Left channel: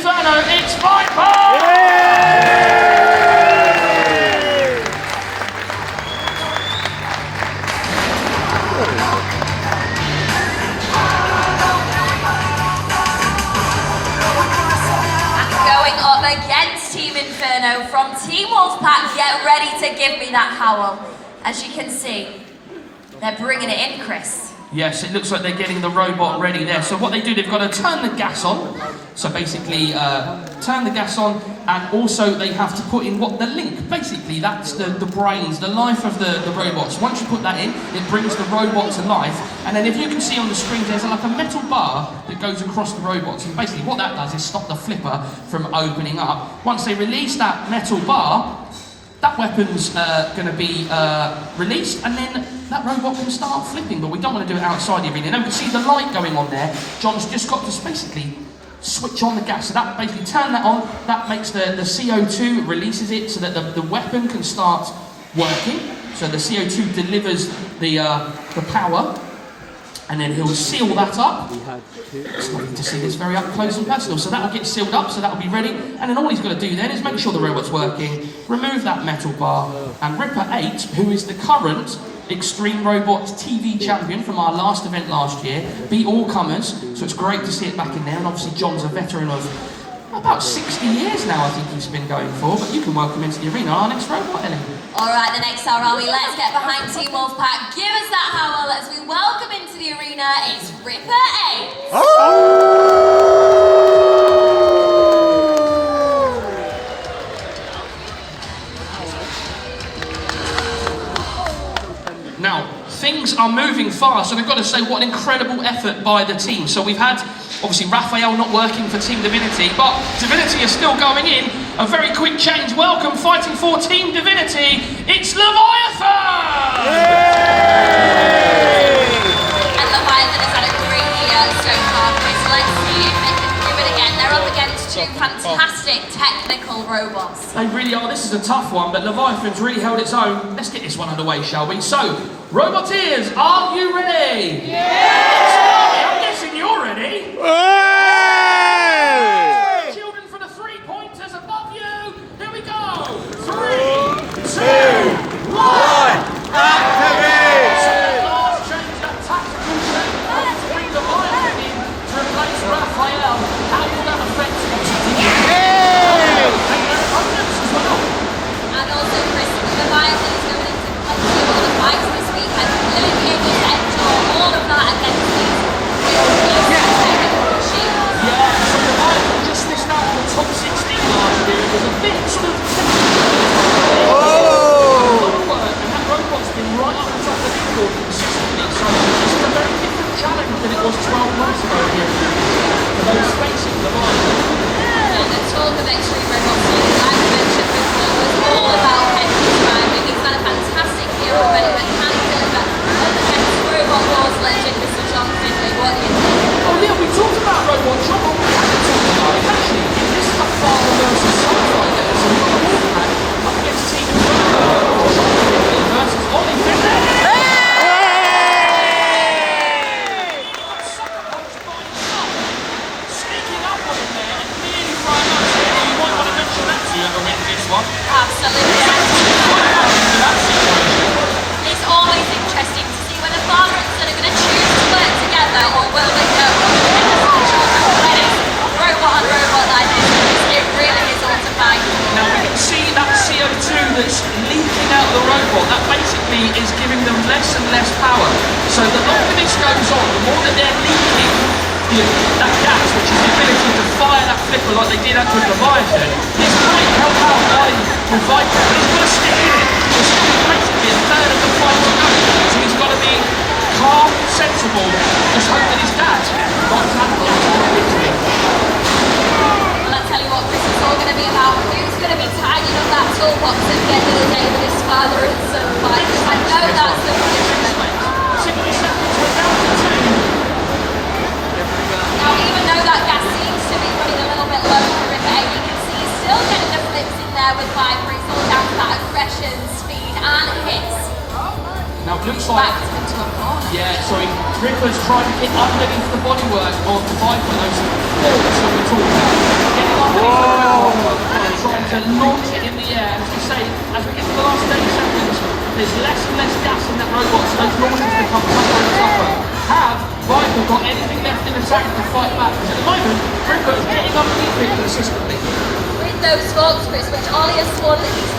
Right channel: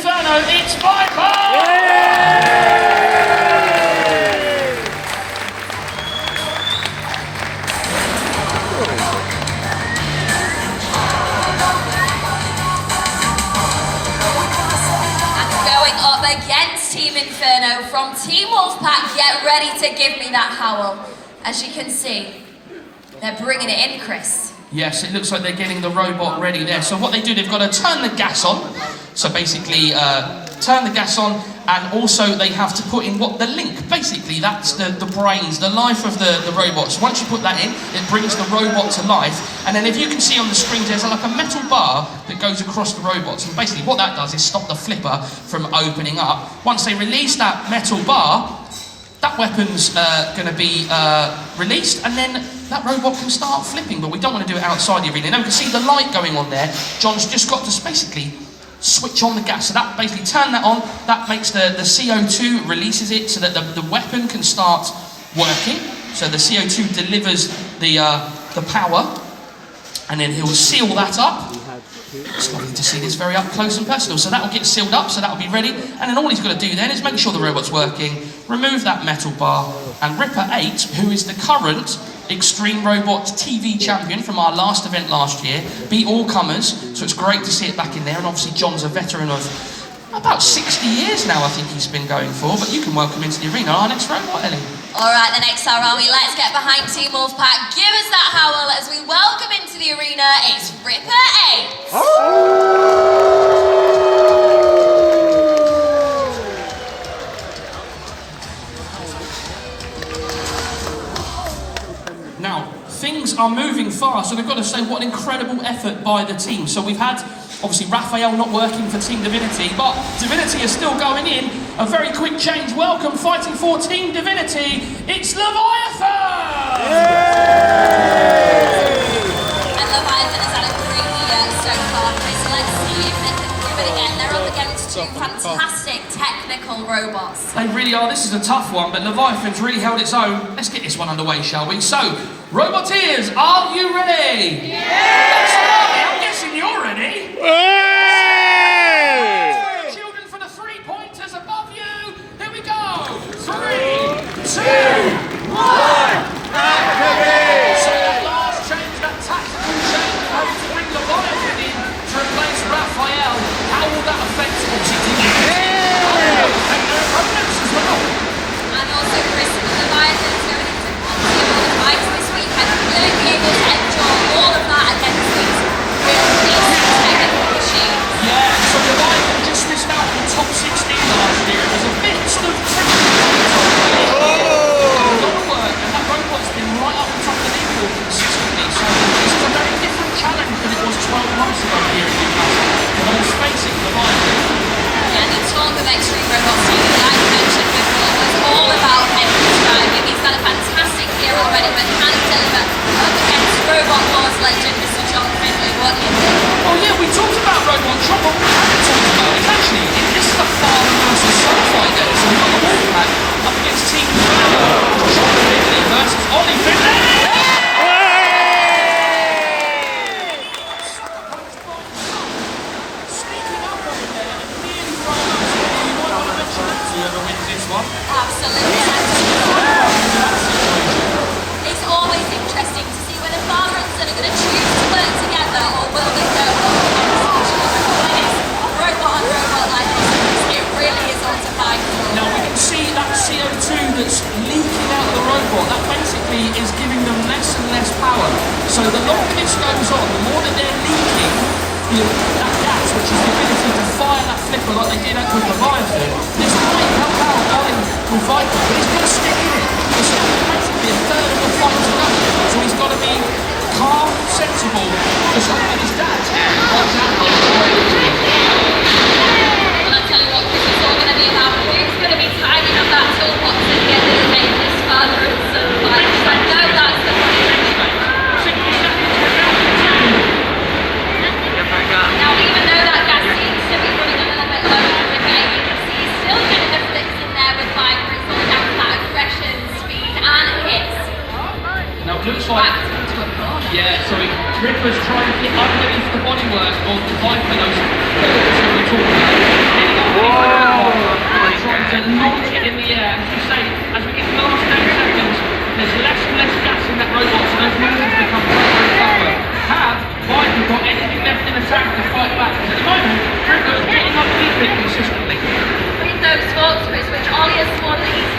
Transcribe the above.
Inferno, it's Viper! Going up against Team Inferno from Team Wolfpack, get ready to give me that howl. As you can see, they're bringing it in, Chris. Yes, it looks like they're getting the robot ready there. So what they do, they've got to turn the gas on. So basically, turn the gas on, and also they have to put in what the link. Basically, that's the brains, the life of the robots. Once you put that in, it brings the robot to life. And then if you can see on the screen, there's like a metal bar that goes across the robots. And basically what that does is stop the flipper from opening up. Once they release that metal bar, that weapon's going to be released, and then that robot can start flipping, but we don't want to do it outside the arena. Now you can see the light going on there. John's just got to basically switch on the gas. So that basically turn that on, that makes the CO2, releases it so that the weapon can start working. So the CO2 delivers the power, and then he'll seal that up. It's lovely to see this very up close and personal. So that will get sealed up, so that will be ready. And then all he's got to do then is make sure the robot's working, remove that metal bar, and Ripper 8, who is the current Extreme Robots TV champion from our last event last year, beat all comers, so it's great to see it back in there. And obviously John's a veteran of about 60 years now, I think he's been going for, but you can welcome into the arena our next robot, Ellie. Alright, the next hour, Army, let's get behind Team Wolfpack. Give us that howl as we welcome into the arena, it's Ripper 8. Now, things are moving fast, so we've got to say what an incredible effort by the team. So we've had, obviously, Raphael not working for Team Divinity, but Divinity is still going in. A very quick change. Welcome, fighting for Team Divinity, it's Leviathen! And Leviathen has had a great year so far, Chris. Let's see if they can do it again. They're up against two fantastic technical robots. They really are. This is a tough one, but Leviathan's really held its own. Let's get this one underway, shall we? So, Roboteers, are you ready? Yeah! I'm guessing you're ready. Children for the 3 pointers above you. Here we go. 3, 2, 1. Activate! So let's change that tactical shape to bring Leviathan in to replace Raphael. How will that affect what's happening? And also, Chris, Leviathan is going to continue all the fights this weekend. Will it be able to endure all of that against these really technical machines? Yeah, so Leviathan just missed out on the top 16 last year. It was a bit of technical. And that robot's been right up on top of the leaderboard consistently. So this is a very different challenge than it was 12 months ago here in Newcastle. But let's face it, Leviathan. Yeah, the talk of Extreme Robots Newcastle, like I mentioned before, was all about Henry's driving. He's done a fantastic year already, but can he deliver against Robot Wars legend Mr. John Henry? What do you think? Oh yeah, we talked about Robot John. Actually, this is a far the most assault right there. So we've got Wolfpack up against Team Divinity versus Ollie. Absolutely. It's always interesting to see whether father and son are going to choose to work together, or will they go when it's robot on robot like this. It really is all to fight. Now we can see that CO2 that's leaking out the robot. That basically is giving them less and less power. So the longer this goes on, the more that they're leaking, that gas, which is the ability to fire that flipper like they did up with Leviathan, this might help out Ollie with Viper, but he's got to stick in it. So basically a third of the fight to go. So he's got to be calm, sensible, just hope that his dad wants that victory. Well, I'll tell you what, Chris, it's all going to be about who's going to be tidying up that toolbox and getting it made with his father and son fight, because I know that's the money. 60 seconds, we're down to 2. Now, even though that gas seems to be running a little bit low on Ripper 8, you can see he's still getting the flips in there with Viper. It's all down to that aggression, speed, and hits. Now it looks like, yeah, so Ripper's trying to get underneath the bodywork of the Viper, those forks that we talked about. launch it in the air. As you say, as we get to the last 30 seconds, there's less and less gas in that robot, so those launches become tougher and tougher. Have Viper got anything left in the tank to fight back? Because at the moment, Trigger is getting underneath it consistently. With those smoke splits, which Ollie has sworn that he's